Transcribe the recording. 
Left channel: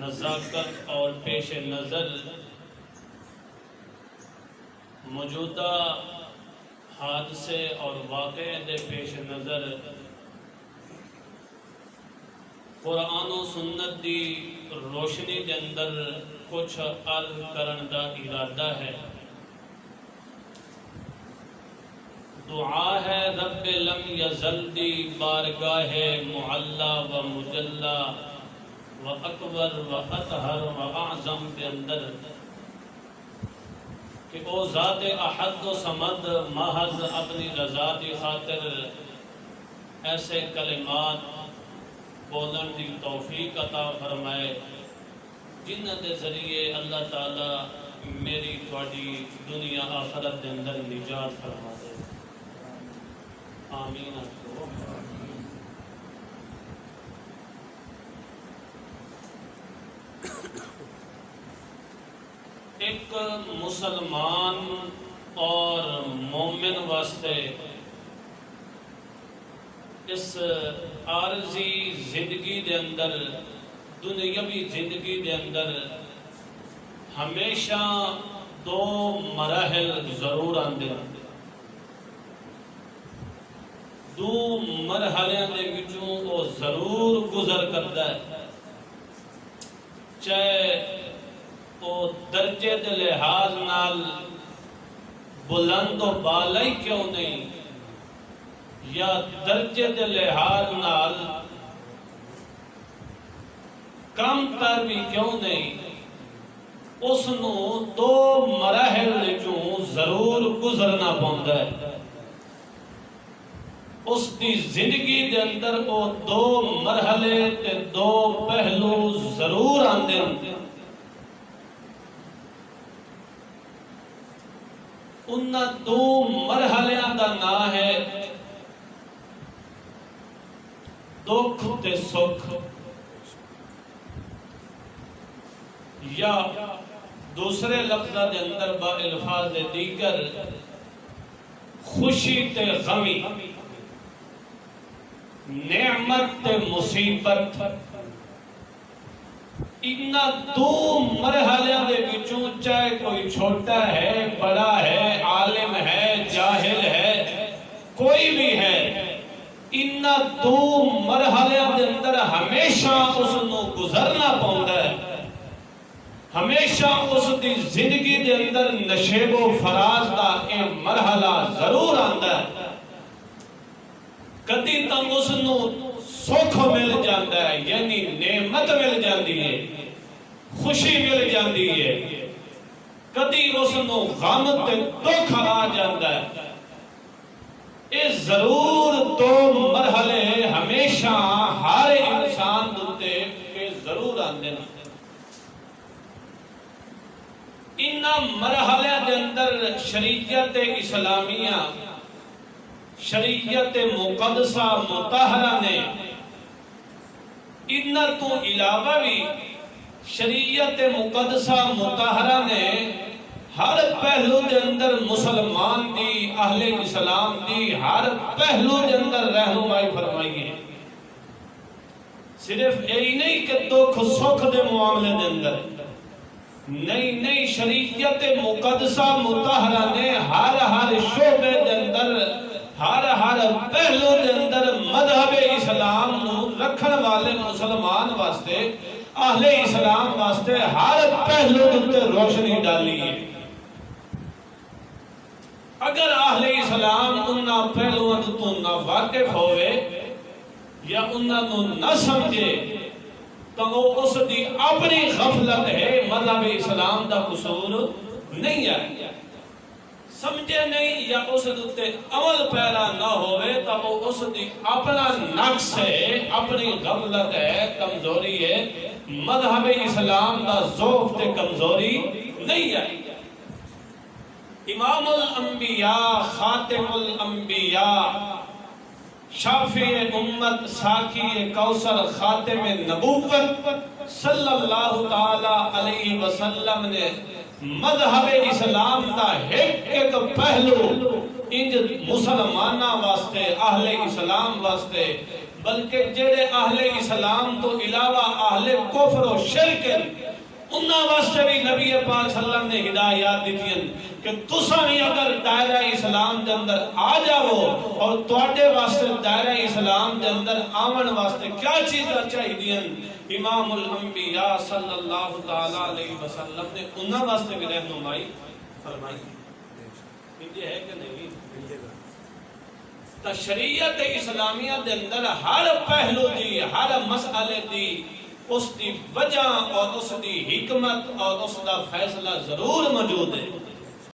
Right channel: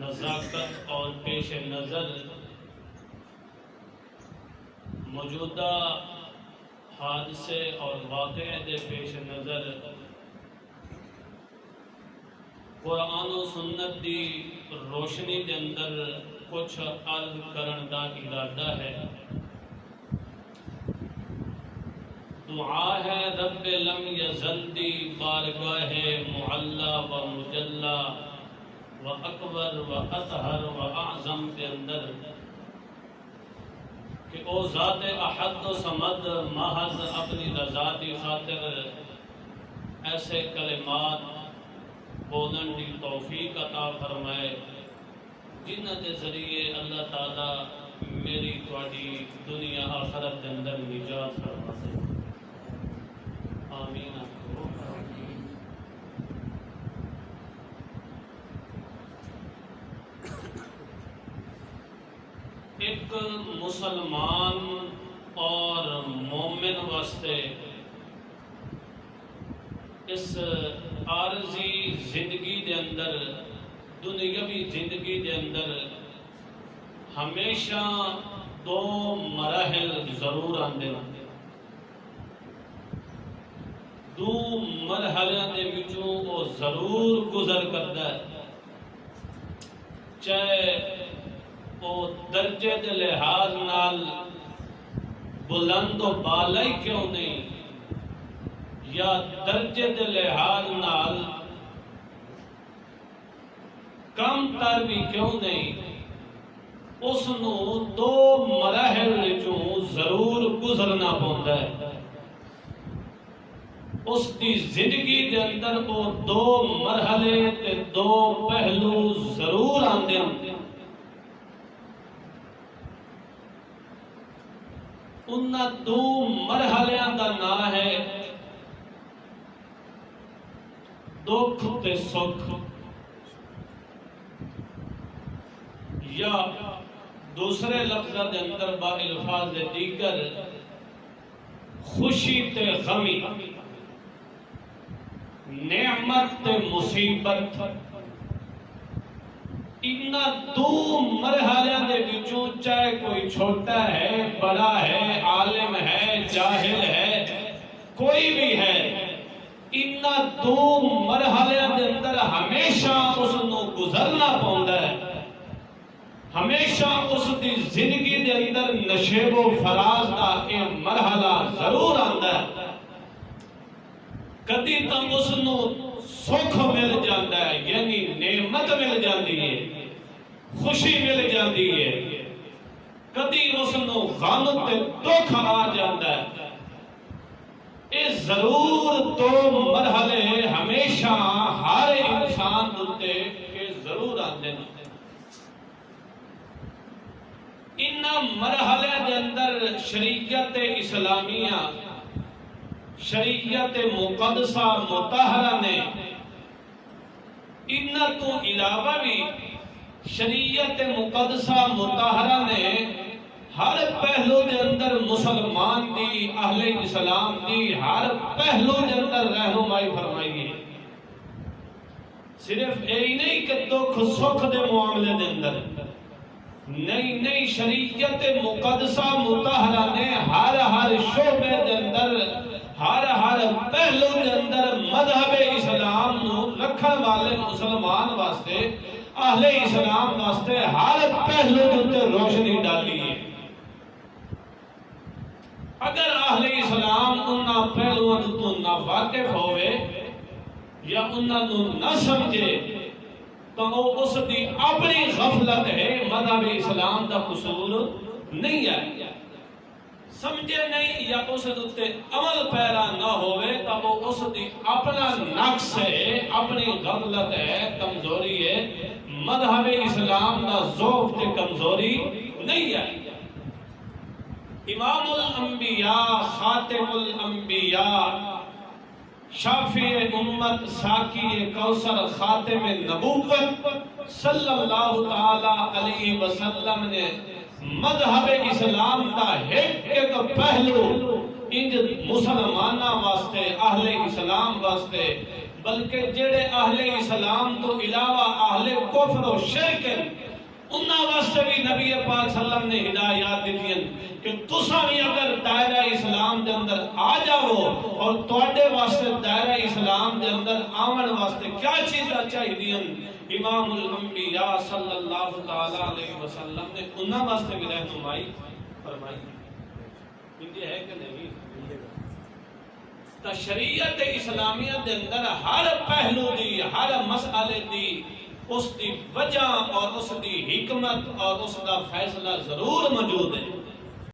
نزاکت اور پیش نظر موجودہ حادثے اور واقعے دے پیش نظر قرآن و سنت دی روشنی دے اندر کچھ عرض کرن دا ارادہ ہے۔ دعا ہے رب لم یزل دی بارگاہ معلا و مجلا و اکبر و اطہر و اعظم کے اندر کہ او ذات احد و صمد محض اپنی رضا دی خاطر ایسے کلمات بولن دی توفیق عطا فرمائے جنہ دے ذریعے اللہ تعالی میری تواڈی دنیا آخرت دے اندر نجات فرما دے۔ آمین۔ ایک مسلمان اور مومن واسطے اس عارضی زندگی دے اندر دنیاوی زندگی دے اندر ہمیشہ دو مراحل ضرور آندے ہیں۔ دو مرحلیاں دے وچوں وہ ضرور گزر کرتا ہے، چاہے وہ درجے دے لحاظ نال بلند و بالا ہی کیوں نہیں یا درجے دے لحاظ نال کم تر بھی کیوں نہیں، اس نو دو مراحل وچوں ضرور گزرنا پوندا ہے۔ اس دی زندگی دے اندر وہ دو مرحلے تے دو پہلو ضرور آندے ہیں۔ انہاں دو مرحلیاں دا نام ہے دکھ تے سکھ، یا دوسرے لفظہ دے اندر با الفاظ دیگر خوشی تے غمی، نعمت تے مصیبت۔ انہاں دو مرحلیاں دے وچوں چاہے کوئی چھوٹا ہے، بڑا ہے، عالم ہے، جاہل ہے، کوئی بھی ہے، انہاں دو مرحلیاں دے اندر ہمیشہ اس نو گزرنا پوندا ہے۔ ہمیشہ اس دی زندگی دے اندر نشیب و فراز دا اے مرحلہ ضرور آندا ہے۔ کدی تک اس نو سکھ مل جاتا ہے، یعنی نعمت مل جاتی ہے، خوشی مل جاتی ہے، کدی اس نو غم تے دکھ آ جاتا ہے۔ اے ضرور دو مرحلے ہمیشہ ہر انسان دوتے کے ضرور آندے ہیں۔ انہاں مرحلے دے اندر شریعت اسلامیہ، شریعت مقدسہ مطہرہ نے انہاں تو علاوہ بھی شریعت مقدسہ مطہرہ نے ہر پہلو دے اندر مسلمان دی، اہل اسلام دی ہر پہلو دے اندر رہنمائی فرمائی گئی۔ صرف یہی نہیں کہ دکھ سکھ دے معاملے دے اندر، نہیں، شریعت مقدسہ مطہرہ نے ہر شعبے دے اندر، ہر پہلو دے اندر مذہب اسلام نو رکھن والے مسلمان واسطے، اہل اسلام واسطے ہر پہلو تے روشنی ڈالی ہے۔ اگر اہل اسلام انہاں پہلوؤں تو نہ واقف ہوئے یا انہاں نو نہ سمجھے تو وہ اس دی اپنی غفلت ہے، مذہب اسلام دا قصور نہیں ہے۔ سمجھے نہیں یا اس دوتے عمل پیرا نہ ہوئے تو وہ اس دی اپنا نقص ہے، اپنی غفلت ہے، کمزوری ہے، مذہب اسلام دا ضعف تے کمزوری نہیں ہے۔ امام الانبیاء، خاتم الانبیاء، شافع امت، ساقی کوثر، خاتم نبوت صلی اللہ تعالی علیہ وسلم نے مذہب اسلام دا ایک پہلو انج مسلمانہ واسطے، اہل اسلام واسطے بلکہ جڑے اہل اسلام تو علاوہ اہل کفر و شرک انہاں واسطے بھی نبی پاک صلی اللہ علیہ وسلم نے ہدایات دیتی ہیں کہ تساں بھی اگر دائرہ اسلام دے اندر آ جاؤ اور تواڈے واسطے دائرہ اسلام دے اندر آون واسطے کیا چیزاں چاہیے. امام الانبیاء صلی اللہ تعالی علیہ وسلم نے انہاں واسطے بھی رہنمائی فرمائی. یہ ہے کہ نہیں؟ شریعت اسلامیہ دے اندر ہر پہلو دی ہر مسئلے دی اس دی وجہ اور اس دی حکمت اور اس دا فیصلہ ضرور موجود ہے.